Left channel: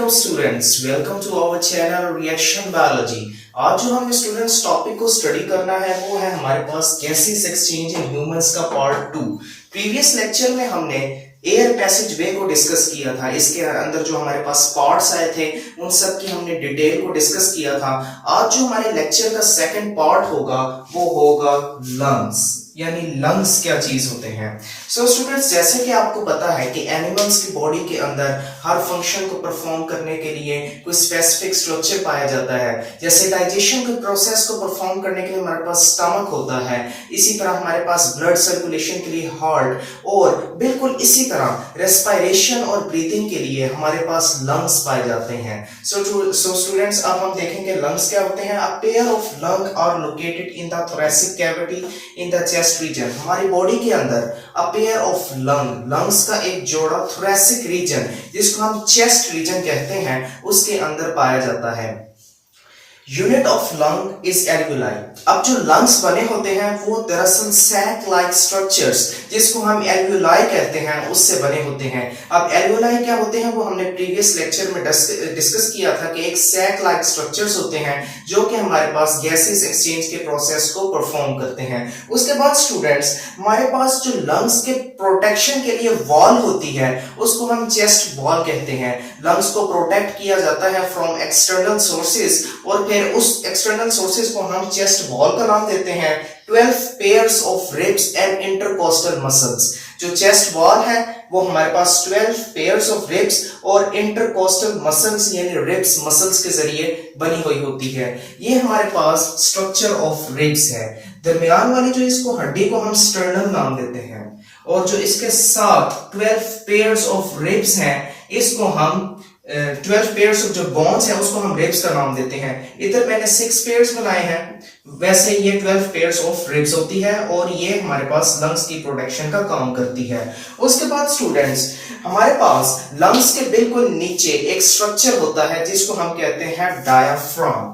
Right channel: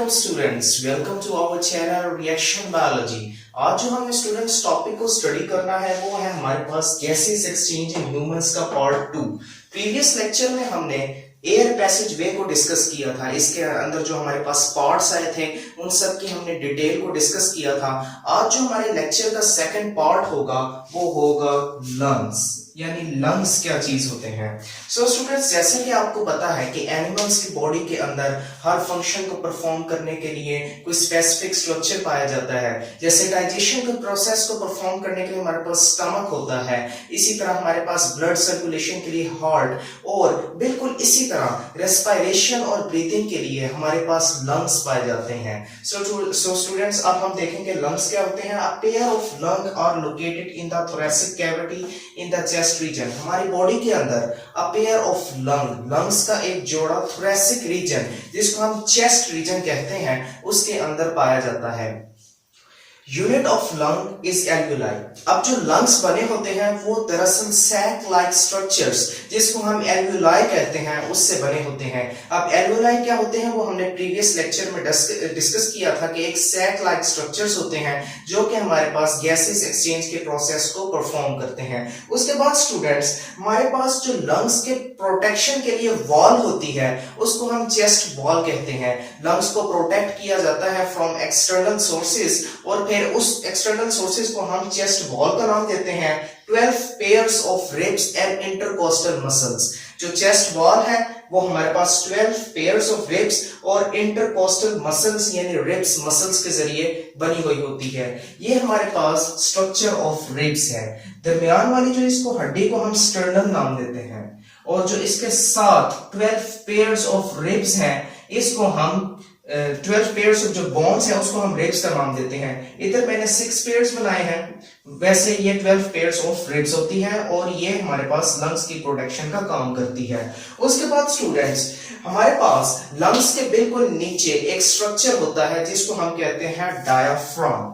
Welcome students, welcome to our channel reaction biology. आज जो हमें स्टूडेंट्स टॉपिक को स्टडी करना है वो है हमारे पास गैसेस एक्सचेंज इन ह्यूमंस का पार्ट 2। प्रीवियस लेक्चर में हमने एयर पैसेज वे को डिस्कस किया था। इसके अंदर जो हमारे पास पार्ट्स आए थे उन सब की हमने डिटेल को डिस्कस किया था। आज जो हमारे लेक्चर का सेकंड पार्ट होगा वो होगा लंग्स, यानी लंग्स क्या चीज होते हैं। सो स्टूडेंट्स, जैसे कि आपको पता है कि एनिमल्स की बॉडी के अंदर हर फंक्शन को परफॉर्म करने के लिए कोई स्पेसिफिक स्ट्रक्चर पाया जाता है। जैसे डाइजेशन के प्रोसेस को परफॉर्म करने के लिए हमारे पास स्टमक होता है, इसी तरह हमारे पास ब्लड सर्कुलेशन के लिए हार्ट, और बिल्कुल इसी तरह रेस्पिरेशन और ब्रीथिंग के लिए हमारे पास लंग्स पाए जाते हैं। सो स्टूडेंट्स, अब हम देखेंगे लंग्स क्या होते हैं। A pair of lung are located in the thoracic cavity in the chest region. हमारी बॉडी के अंदर अ पेयर ऑफ लंग्स का एक जोड़ा थोरेसिक रीजन, जिसको हम चेस्ट रीजन कहते हैं, उसके अंदर पाया जाता है। Unit of lung is alveoli. अब जो लंग्स बने होते हैं वो दरअसल सैक लाइक स्ट्रक्चर्स, जिसको हम एल्वियोलाई कहते हैं, उससे बने होते हैं। अब एल्वियोलाई क्या होते हैं वो हमने प्रीवियस लेक्चर में डिस्कस किया था कि एक सैक लाइक स्ट्रक्चर्स होते हैं जो कि हमारे पास गैसेस एक्सचेंज के प्रोसेस को परफॉर्म करते हैं। उसके बाद स्टूडेंट्स, हमारे पास जो लंग्स के प्रोटेक्शन के लिए वॉल होती है उसको हम चेस्ट वॉल कहते हैं। लंग्स को प्रोटेक्ट किया जाता है फ्रॉम एक्सटर्नल सोर्सेज, और फिर उस एक्सटर्नल सोर्सेज को हम चेस्ट वॉल का नाम देते हैं। 12 pairs of ribs and intercostal muscles. जो चेस्ट वॉल है वो हमारे पास 12 पेयर्स ऑफ रिब्स और इंटरकोस्टल मसल्स यानी रिब्स मसल्स के जरिए बनी हुई होती है। ये हमारे पास स्ट्रक्चर ऑफ रिब्स है। दरमियान वाली जो इसको हड्डी को हम स्टर्नम नाम देते हैं, और जो इसके साथ 12 पेयर्स ऑफ रिब्स हैं इसको हम 12 पेयर्स ऑफ जो बोन्स हैं उसको हम रिब्स का नाम देते हैं। इधर मैंने 6 पेयर्स बनाए हैं, वैसे ये 12 पेयर्स ऑफ रिब्स होती है, और ये हमारे पास लंग्स की प्रोटेक्शन का काम करती है। उसके बाद स्टूडेंट्स, हमारे पास लंग्स के बिल्कुल नीचे एक स्ट्रक्चर होता है जिसको हम कहते हैं डायाफ्राम।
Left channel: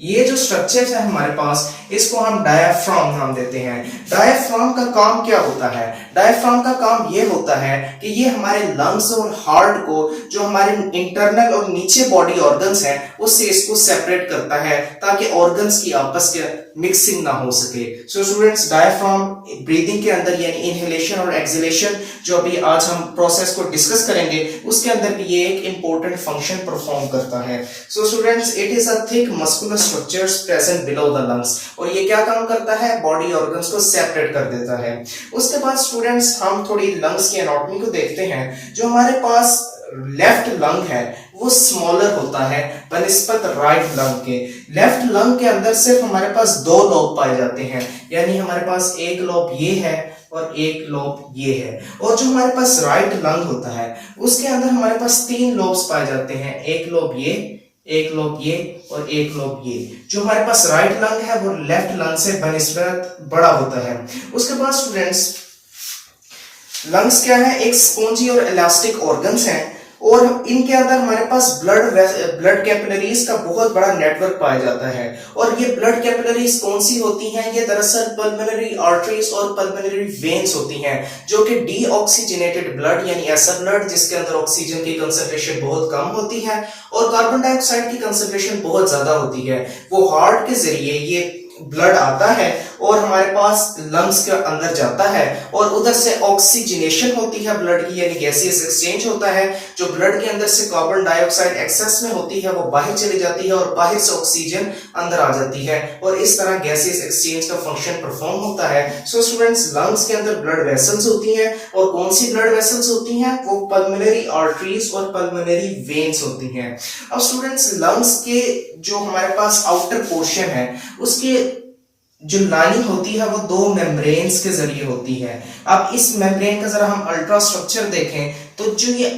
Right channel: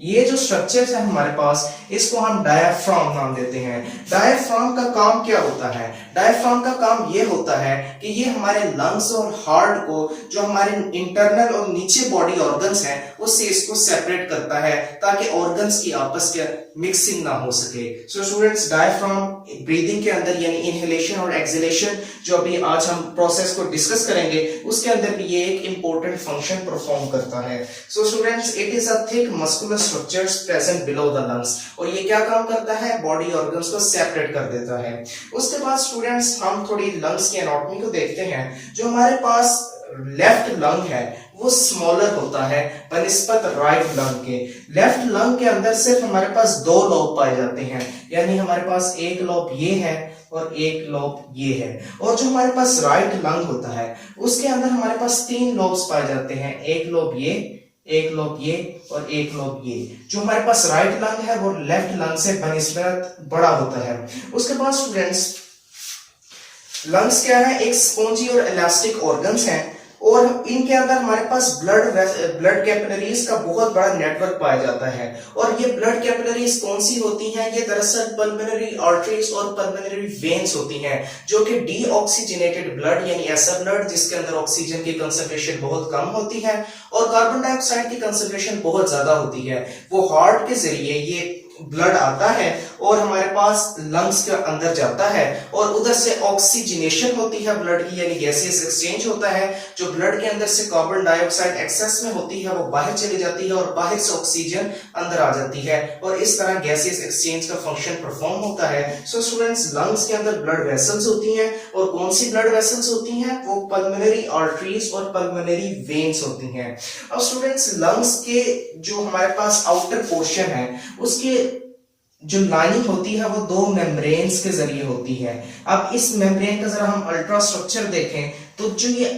ये जो स्ट्रक्चर है हमारे पास, इसको हम डायाफ्राम नाम देते हैं। डायाफ्राम का काम क्या होता है? डायाफ्राम का काम ये होता है कि ये हमारे लंग्स और हार्ट को, जो हमारे इंटरनल और नीचे बॉडी ऑर्गन्स हैं, उससे इसको सेपरेट करता है ताकि ऑर्गन्स की आपस के मिक्सिंग ना हो सके। सो स्टूडेंट्स, डायाफ्राम ब्रीदिंग के अंदर यानी इनहेलेशन और एक्सहेलेशन, जो अभी आज हम प्रोसेस को डिस्कस करेंगे, उसके अंदर भी ये एक इंपॉर्टेंट फंक्शन परफॉर्म करता है। So students, it is a thick muscular structures present below the lungs, और ये क्या काम करता है? बॉडी ऑर्गन्स को सेपरेट कर देता है। उसके बाद स्टूडेंट्स, हम थोड़ी लंग्स की एनाटॉमी को देखते हैं। जो हमारे पास लेफ्ट लंग है वो स्मॉलर होता है बनिस्बत राइट लंग के। लेफ्ट लंग के अंदर सिर्फ हमारे पास 2 लोब पाए जाते हैं, यानी हमारे पास एक लोब ये है और एक लोब ये है। और जो हमारे पास राइट लंग होता है उसके अंदर हमारे पास 3 लोब्स पाए जाते हैं, एक लोब ये, एक लोब ये और एक लोब ये। जो हमारे पास राइट लंग है वो लेफ्ट लंग से बनिस्बत बड़ा होता है। उसके बाद स्टूडेंट्स, लंग्स क्या है? एक स्पॉन्जी और इलास्टिक ऑर्गन्स हैं, और इनके अंदर हमारे पास ब्लड कैपिलरीज का बहुत बड़ा नेटवर्क पाया जाता है। और ये ब्लड कैपिलरीज कौन सी होती हैं? ये दरअसल पल्मोनरी आर्टरीज और पल्मोनरी वेन्स होती हैं, जो कि डीऑक्सीजनेटेड ब्लड यानी ऐसा ब्लड जिसके अंदर ऑक्सीजन की कंसंट्रेशन बहुत कम होती है और कार्बन डाइऑक्साइड की कंसंट्रेशन बहुत ज्यादा होती है, वो हार्ट के जरिए ये ब्लड आता है और हमारे पास लंग्स के अंदर जाता है, और उधर से ऑक्सीजनेशन होती है ब्लड की, यानी गैसियस एक्सचेंज होता है। जो ब्लड के अंदर से कार्बन डाइऑक्साइड एक्सेस में होती है वो बाहर चली जाती है, और बाहर से ऑक्सीजन अंदर आ जाती है, और इस तरह गैसियस एक्सचेंज का फंक्शन परफॉर्म होता है। सो स्टूडेंट्स, लंग्स के अंदर ब्लड वेसल्स होती हैं, और कौन सी ब्लड वेसल्स होती हैं? वो पल्मोनरी आर्टरीज और पल्मोनरी वेन्स होती हैं। अब स्टूडेंट्स, लंग्स के जो हमारे पास आउटर पोर्शन है उसके जो लाइनिंग होती है वो 2 मेम्ब्रेन्स के जरिए होती है। अब इस मेम्ब्रेन का जरा हम अल्ट्रा स्ट्रक्चर देखें तो जो ये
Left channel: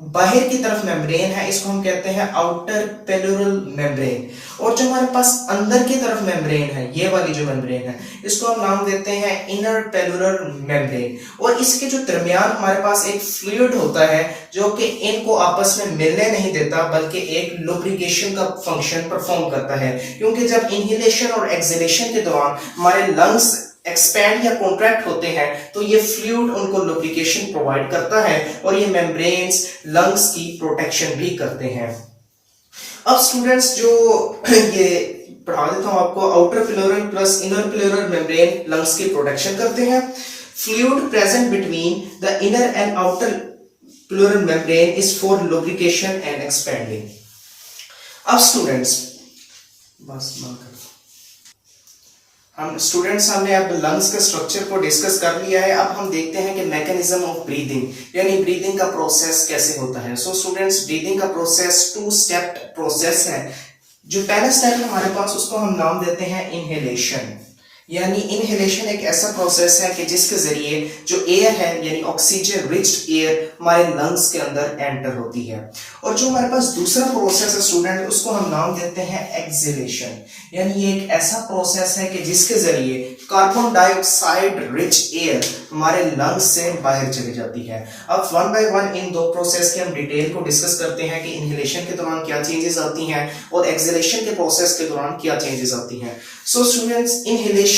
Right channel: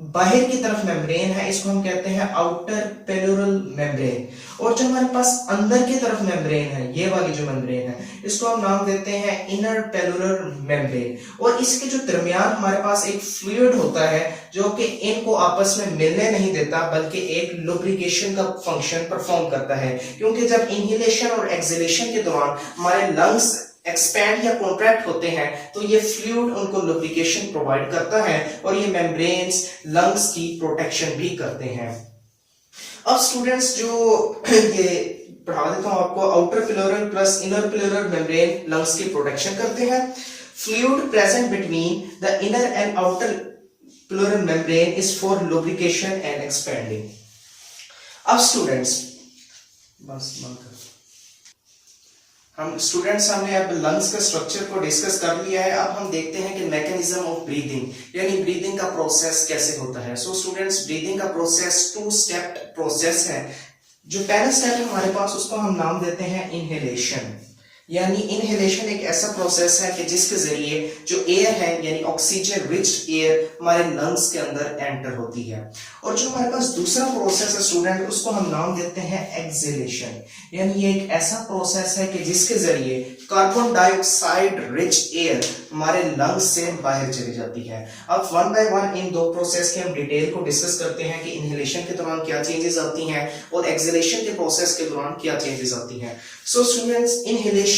बाहर की तरफ मेम्ब्रेन है इसको हम कहते हैं आउटर पेल्यूरल मेम्ब्रेन, और जो हमारे पास अंदर की तरफ मेम्ब्रेन है, ये वाली जो मेम्ब्रेन है, इसको हम नाम देते हैं इनर पेल्यूरल मेम्ब्रेन। और इसके जो दरमियान हमारे पास एक फ्लूइड होता है जो कि इनको आपस में मिलने नहीं देता, बल्कि एक लुब्रिकेशन का फंक्शन परफॉर्म करता है, क्योंकि जब इनहेलेशन और एक्सहेलेशन के दौरान हमारे लंग्स एक्सपैंड या कॉन्ट्रैक्ट होते हैं तो ये फ्लूइड उनको लुब्रिकेशन प्रोवाइड करता है और ये मेम्ब्रेन्स लंग्स की प्रोटेक्शन भी करते हैं। अब स्टूडेंट्स जो ये पढ़ा देता हूं आपको, outer pleural plus inner pleural membrane lungs की प्रोटेक्शन करते हैं। Fluid present between the inner and outer pleural membrane is for lubrication and expanding. अब स्टूडेंट्स बस बंद कर, हम स्टूडेंट्स हमने अब लंग्स के स्ट्रक्चर को डिस्कस कर लिया है। अब हम देखते हैं कि मैकेनिज्म ऑफ ब्रीदिंग यानी ब्रीदिंग का प्रोसेस कैसे होता है। सो स्टूडेंट्स, ब्रीदिंग का प्रोसेस 2 स्टेप प्रोसेस है। जो पहला स्टेप है हमारे पास, उसको हम नाम देते हैं इनहेलेशन। यानी इनहेलेशन एक ऐसा प्रोसेस है कि जिसके जरिए जो एयर है यानी ऑक्सीजन रिच एयर हमारे लंग्स के अंदर एंटर होती है। और जो हमारे पास दूसरा प्रोसेस है स्टूडेंट, उसको हम नाम देते हैं एक्सहेलेशन। यानी ये एक ऐसा प्रोसेस है कि जिसके जरिए कार्बन डाइऑक्साइड रिच एयर हमारे लंग्स से बाहर चली जाती है। अब वन बाय वन इन दो प्रोसेस के हम डिटेल को डिस्कस करते हैं कि इनहेलेशन के दौरान क्या चेंजेस आती हैं और एक्सहेलेशन के प्रोसेस के दौरान क्या चेंजेस आती हैं। सो स्टूडेंट्स, इनहेलेशन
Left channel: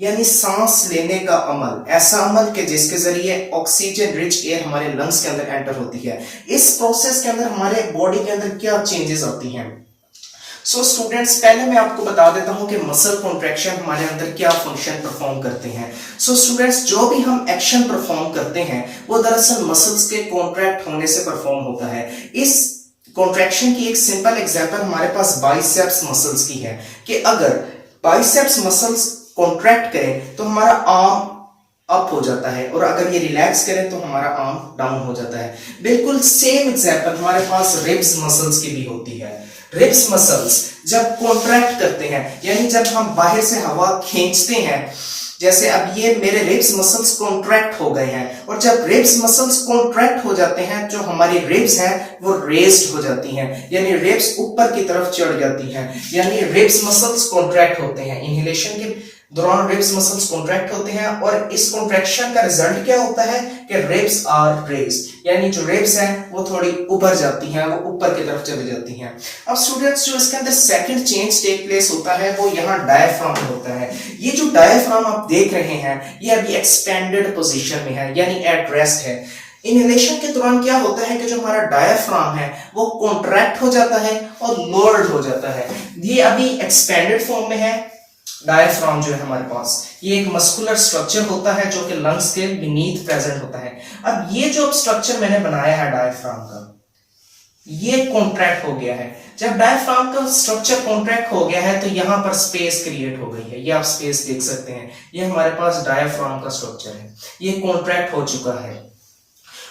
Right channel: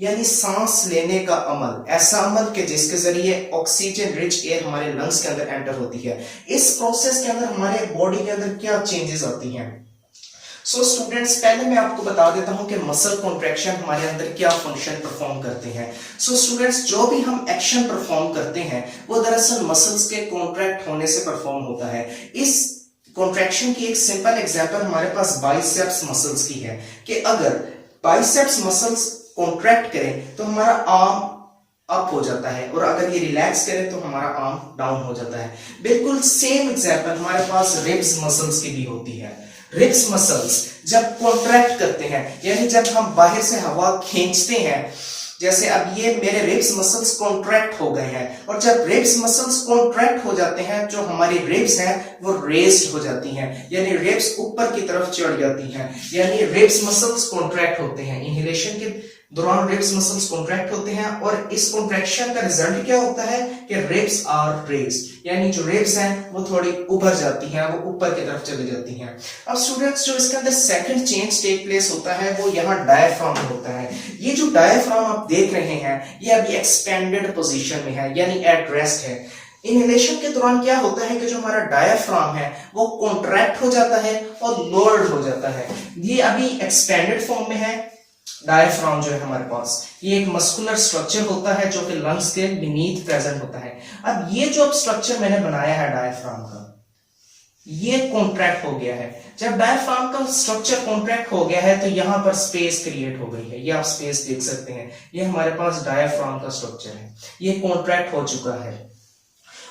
यानी सांस लेने का अमल, ऐसा अमल के जिसके जरिए ऑक्सीजन रिच एयर हमारे लंग्स के अंदर एंटर होती है। इस प्रोसेस के अंदर हमारे बॉडी के अंदर क्या चेंजेस आती हैं। सो स्टूडेंट्स, पहले मैं आपको बता देता हूं कि मसल कॉन्ट्रैक्शन हमारे अंदर क्या फंक्शन परफॉर्म करते हैं। सो स्टूडेंट्स, जो भी हम एक्शन परफॉर्म करते हैं वो दरअसल मसल्स के कॉन्ट्रैक्ट होने से परफॉर्म होता है। इस कॉन्ट्रैक्शन की एक सिंपल एग्जांपल हमारे पास बाइसेप्स मसल्स की है कि अगर बाइसेप्स मसल्स कॉन्ट्रैक्ट करें तो हमारा आर्म अप हो जाता है और अगर ये रिलैक्स करें तो हमारा आर्म डाउन हो जाता है। बिल्कुल सेम एग्जांपल हमारे पास रिब्स मसल्स की भी होती है। रिब्स मसल्स जब कॉन्ट्रैक्ट करते हैं यानी जब हम बाहर से हवा खींचते हैं, जैसे अब ये मेरे रिब्स मसल्स कॉन्ट्रैक्ट हो गए हैं, और जब रिब्स मसल्स कॉन्ट्रैक्ट हो जाते हैं जो हमारी रिब्स हैं वो रेज्ड हो जाती हैं, यानी रिब्स ऊपर की तरफ चढ़ जाती हैं, यानी रिब्स मसल्स कॉन्ट्रैक्ट होते हैं। इनहेलेशन के दौरान रिब्स मसल्स कॉन्ट्रैक्ट होते हैं और इस कॉन्ट्रैक्शन का रिजल्ट क्या होता है कि रिब्स आर रेज्ड, यानी जो रिब्स हैं वो थोड़ी उभर जाती हैं, वो ऊपर की तरफ चली जाती हैं। अब स्टूडेंट्स, जो इसके अंदर सेकंड चेंज टेक प्लेस होता है वो यहाँ डायफ्राम होता है। ये जो डायफ्राम आप देख रहे हैं ये अभी एक्सपेंडेड पोजीशन में है यानी एट रेस्ट है। इनहेलेशन के दौरान क्या होता है कि जो हमारा डायफ्राम है वो कॉन्ट्रैक्ट हो जाता है और लोअर्ड हो जाता है। ये अभी एक्सपेंडेड फॉर्म में है। डायफ्राम जो है हमारे पास ये एक मस्कुलर स्ट्रक्चर होता है जो कि लंग्स के बीनीथ प्रेजेंट होता है। अब ये जो स्ट्रक्चर मैंने बनाया है डायफ्राम का, ये कॉन्ट्रैक्ट हो गया है। जब डायफ्राम का स्ट्रक्चर कॉन्ट्रैक्ट हो गया है तो यहां पर स्पेस क्रिएट हो गई है। ये आप स्पेस देख सकते हैं, ये हमारे पास डायफ्राम का स्ट्रक्चर है, ये कॉन्ट्रैक्ट हो चुका है।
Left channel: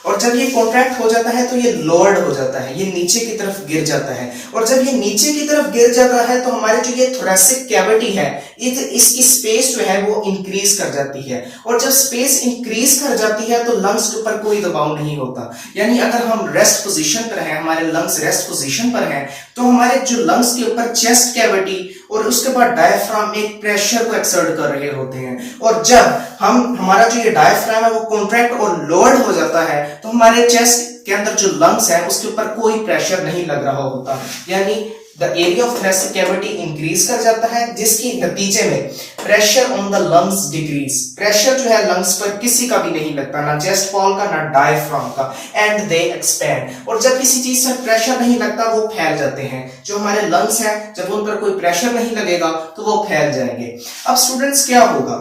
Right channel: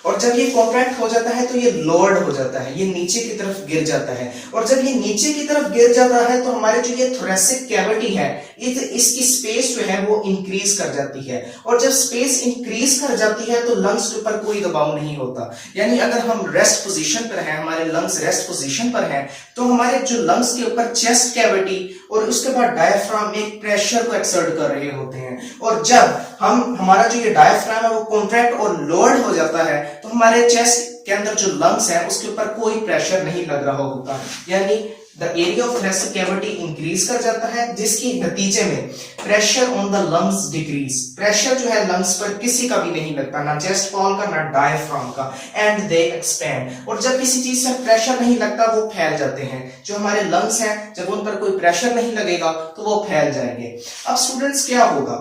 और जब ये कॉन्ट्रैक्ट हो जाता है तो ये लोअर्ड हो जाता है, ये नीचे की तरफ गिर जाता है। और जब ये नीचे की तरफ गिर जाता है तो हमारे जो ये थोरेसिक कैविटी है इसकी स्पेस जो है वो इंक्रीज कर जाती है। और जब स्पेस इंक्रीज कर जाती है तो लंग्स के ऊपर कोई दबाव नहीं होता। यानी अगर हम रेस्ट पोजीशन पर हैं, हमारे लंग्स रेस्ट पोजीशन पर हैं, तो हमारे जो लंग्स के ऊपर चेस्ट कैविटी और उसके बाद डायफ्राम एक प्रेशर को एक्सर्ट कर रहे होते हैं। और जब हमारा जो ये डायफ्राम है वो कॉन्ट्रैक्ट और लोअर्ड हो जाता है तो हमारे चेस्ट के अंदर जो लंग्स है उसके ऊपर कोई प्रेशर नहीं लग रहा होता, यानी the area of thoracic cavity increase कर जाता है, जिसकी नतीजे में pressure on the lungs decrease. Pressure जो है लंग्स पर किसी का भी नहीं लगता, ना चेस्ट वॉल का ना डायफ्राम का, एंड दे एक्सपैंड। और जब किसी चीज से प्रेशर नहीं लगता वो फैल जाते हैं। जो हमारे लंग्स हैं जब उन पर कोई प्रेशर नहीं लगेगा तो वो फैल जाएंगे। अब स्टूडेंट्स, क्या होगा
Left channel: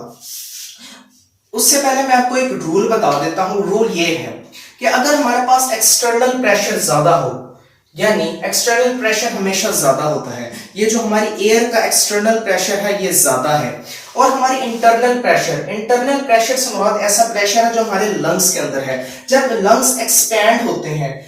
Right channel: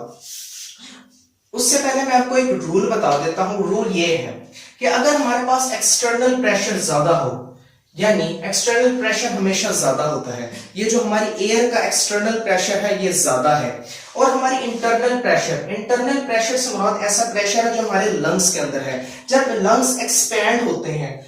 उससे पहले मैं आपको एक रूल बता देता हूं। रूल ये है कि अगर हमारे पास एक्सटर्नल प्रेशर ज्यादा हो, यानी एक्सटर्नल प्रेशर हमेशा ज्यादा होता है, ये जो हमारी एयर का एक्सटर्नल प्रेशर है ये ज्यादा है, और हमारी इंटरनल प्रेशर से मुराद ऐसा प्रेशर है जो हमारे लंग्स के अंदर है। जब लंग्स एक्सपैंड होते हैं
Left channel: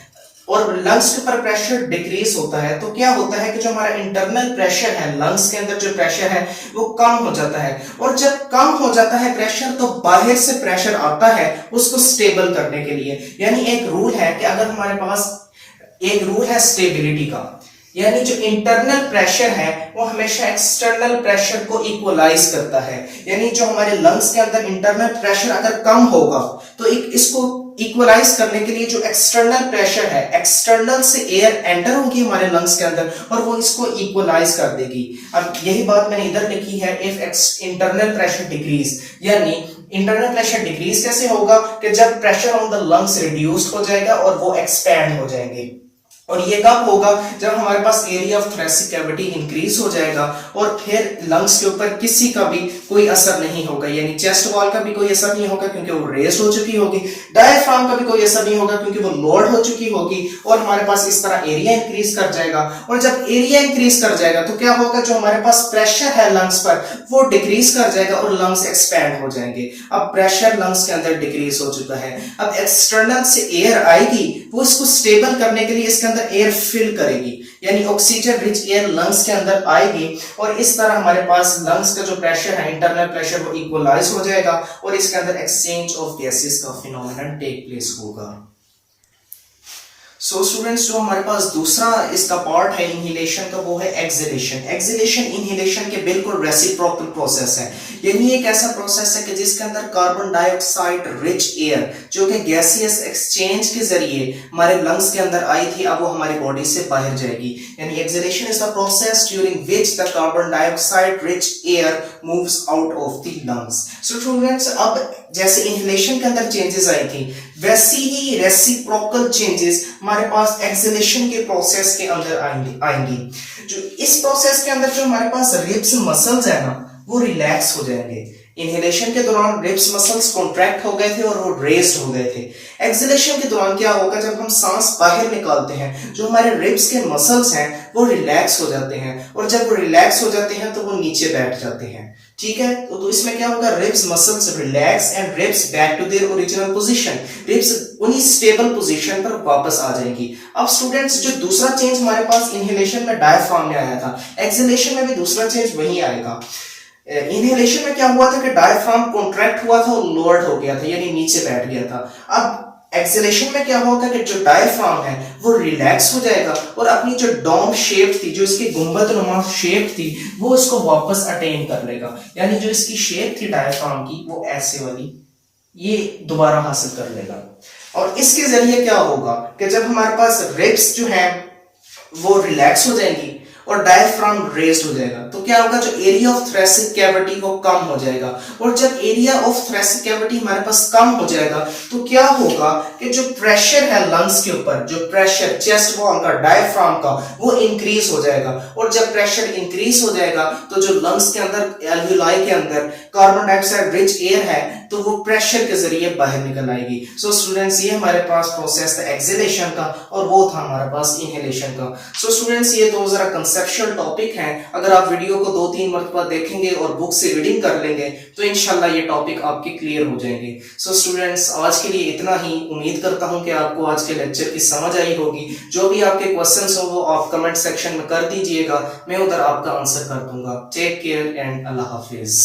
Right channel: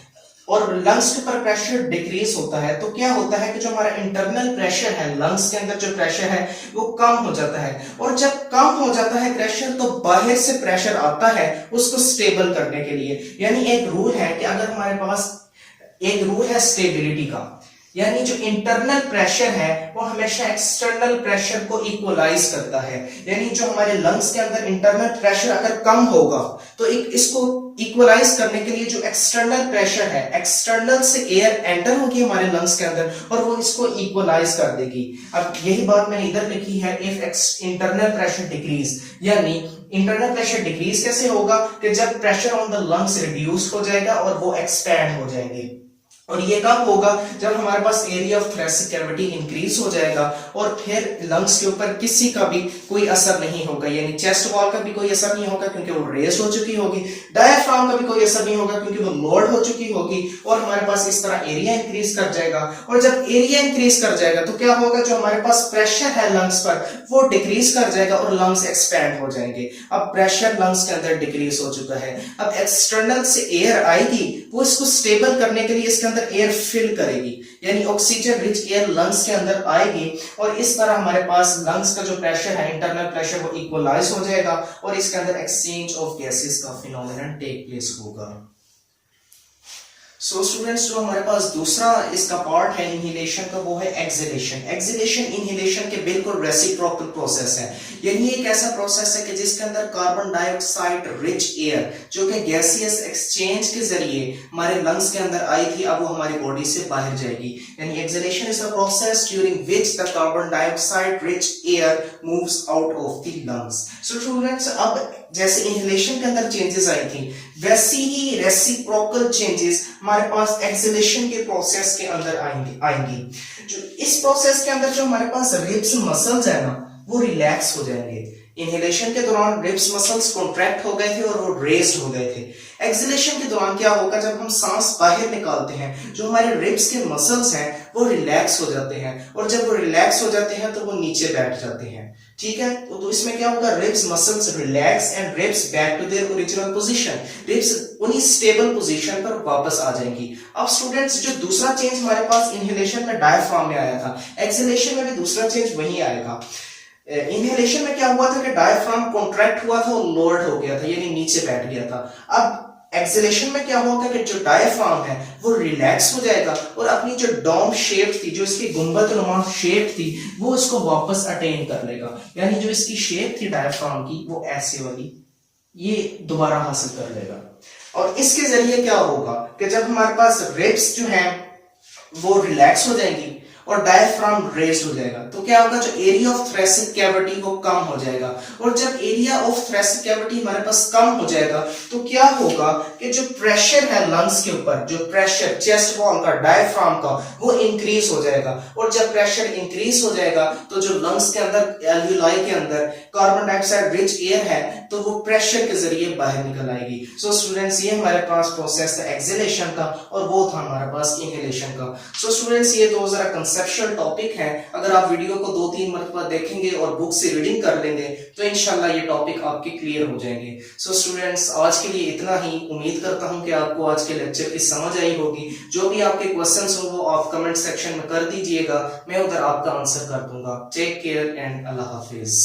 और लंग्स के ऊपर प्रेशर डिक्रीज होता है तो क्या होता है कि जो हमारा इंटरनल प्रेशर है, लंग्स के अंदर जो प्रेशर है वो कम हो जाता है। और जब कम हो जाता है प्रेशर तो बाहर से प्रेशर आता है उसको स्टेबल करने के लिए। यानी एक रूल है कि अगर हमारे पास एक रूल है स्टेबिलिटी का यानी जो इंटरनल प्रेशर है वो हमेशा एक्सटर्नल प्रेशर को इक्वलाइज करता है। यानी जो हमारे लंग्स के अंदर इंटरनल प्रेशर अगर कम होगा तो इसको इक्वलाइज करने के लिए जो एक्सटर्नल प्रेशर है, एक्सटर्नल से एयर एंटर होगी हमारे लंग्स के अंदर और वो इसको इक्वलाइज कर देगी। अब यही बात मैंने इधर लिखी है, इफ इंटरनल प्रेशर डिक्रीज, यानी इंटरनल प्रेशर डिक्रीज कैसे होगा कि जब pressure on the lungs reduced हो जाएगा और वो एक्सपैंड हो जाएंगे। और ये कब होगा? जब हमारे पास area of thoracic cavity increase हो जाएगा और फिर लंग्स के ऊपर किसी का भी कोई असर नहीं होगा, यानी चेस्ट वॉल का भी कोई असर नहीं होगा क्योंकि वो रेस हो चुकी होगी, डायफ्राम का भी कोई असर नहीं होगा क्योंकि वो लोड हो चुकी होगी और हमारे पास इस तरह एरिया इंक्रीज कर जाएगा। और जब एरिया इंक्रीज कर जाएगा तो क्या होगा? जो हमारे पास प्रेशर है लंग्स पर वो डिक्रीज कर जाएगा और लंग्स एक्सपैंड हो जाएंगे। अब प्रेशर लंग्स के अंदर डिक्रीज हो चुका है, अब एक्सटर्नल से एयर आएगी, वो इसको स्टेबल करने के लिए इसके अंदर एयर फिल करेगी, यानी ऑक्सीजन रिच एयर लंग्स के अंदर आएगी और इस तरह हमारे पास लंग्स का जो प्रेशर है, इंटरनल प्रेशर, वो इक्वलाइज हो जाएगा और इसके अंदर एक्सचेंज ऑफ गैसेस का फिनोमेनन टेक प्लेस होगा। सो स्टूडेंट्स, जो हमारे पास दूसरा इसका पार्ट है इनहेलेशन का, वो है एक्सहेलेशन। एक्सहेलेशन इनहेलेशन के बिल्कुल रेसिप्रोकल प्रोसेस है, यानी एक ऐसा प्रोसेस है कि जिसके अंदर कार्बन डाइऑक्साइड रिच एयर जो कि गैसियस एक्सचेंज के जरिए हमारे लंग्स के अंदर आई थी, अब वो हमारी बॉडी से बाहर जाएगी। यानी exhalation is the process during which the carbon dioxide rich air moves out of the lungs. So students, अब जैसे इनहेलेशन के अंदर चेंजेस आई थी, वैसी ही रेसिप्रोकल चेंजेस हमारे पास एक्सहेलेशन के प्रोसेस के अंदर आएंगी। जो इस प्रोसेस के अंदर जो हमारे पास रिब्स मसल्स है ना, वो रिलैक्स हो जाएंगे। इनहेलेशन के दौरान रिब्स मसल्स कॉन्ट्रैक्ट हो गए थे और वो रेस्ड हो गए थे। एक्सहेलेशन के दौरान क्या होगा? जब हम सांस बाहर निकालते हैं, जो हमारे रिब्स के मसल्स हैं वो रिलैक्स हो जाते हैं और जब वो रिलैक्स हो जाते हैं तो वो नीचे बैठ जाते हैं। ठीक है, तो इसमें क्या होगा? Ribs muscles relax and ribs back to their original position, ribs उन्हीं स्टेबल पोजीशन पर वापस आ जाएंगी। अब स्टूडेंट्स, जो दूसरा चेंज हमारे पास इनहेलेशन में डायफ्राम में आया था, एक्सहेलेशन में भी दूसरा चेंज वही आएगा। इनहेलेशन में क्या हुआ था कि डायफ्राम कॉन्ट्रैक्ट हुआ था और लोअर्ड हो गया था, यानी नीचे बैठ गया था। अब एक्सहेलेशन में क्या होगा कि जो डायफ्राम है वो रिलैक्स हो जाएगा और अपनी जो डोम शेप थी, जो इसकी गुंबदनुमा शेप थी, वो इसको वापस अटेन कर लेगा। यानी जो इसकी शेप थी डायफ्राम की, वो ऐसे वाली, ये दोबारा हासिल कर लेगा। और इसके जरिए क्या होगा कि जब हमारे पास रिब्स जो है वो रिलैक्स हो जाएंगी और डायफ्राम रेज्ड हो जाएगा, तो क्या होगा? जो एरिया ऑफ थोरेसिक कैविटी वो कम हो जाएगा और जब एरिया ऑफ थोरेसिक कैविटी हमारे पास कम हो जाएगा तो क्या होगा कि जो प्रेशर है लंग्स के ऊपर, जो प्रेशर चेस्ट वॉल का, डायफ्राम का, वो इंक्रीज हो जाएगा और जब प्रेशर इंक्रीज हो जाएगा तो जो लंग्स के अंदर, एल्वियोलाई के अंदर कार्बन डाइऑक्साइड रिच एयर है तो वो प्रेशर के जरिए बाहर निकल आएगी। सो स्टूडेंट्स, ये हमारे पास प्रोसेस था एक्सहेलेशन का और वो था हमारे पास इनहेलेशन का। सो स्टूडेंट्स, ये दो जरा कंसेप्चुअल टॉपिक हैं। अगर आप वीडियो को 2-3 मरतबा देखेंगे और बुक से रीडिंग कर लेंगे तो इंशाल्लाह ये टॉपिक आपके क्लियर हो जाएंगे। सो स्टूडेंट्स, आज के लिए इतना ही। उम्मीद करता हूं कि आपको आज के लेक्चर की समझ आई होगी। जो भी आपके क्वेश्चंस हो वो आप कमेंट सेक्शन में कर दीजिएगा, मैं उधर आपका आंसर कर दूंगा। टेक केयर एंड अल्लाह हाफिज।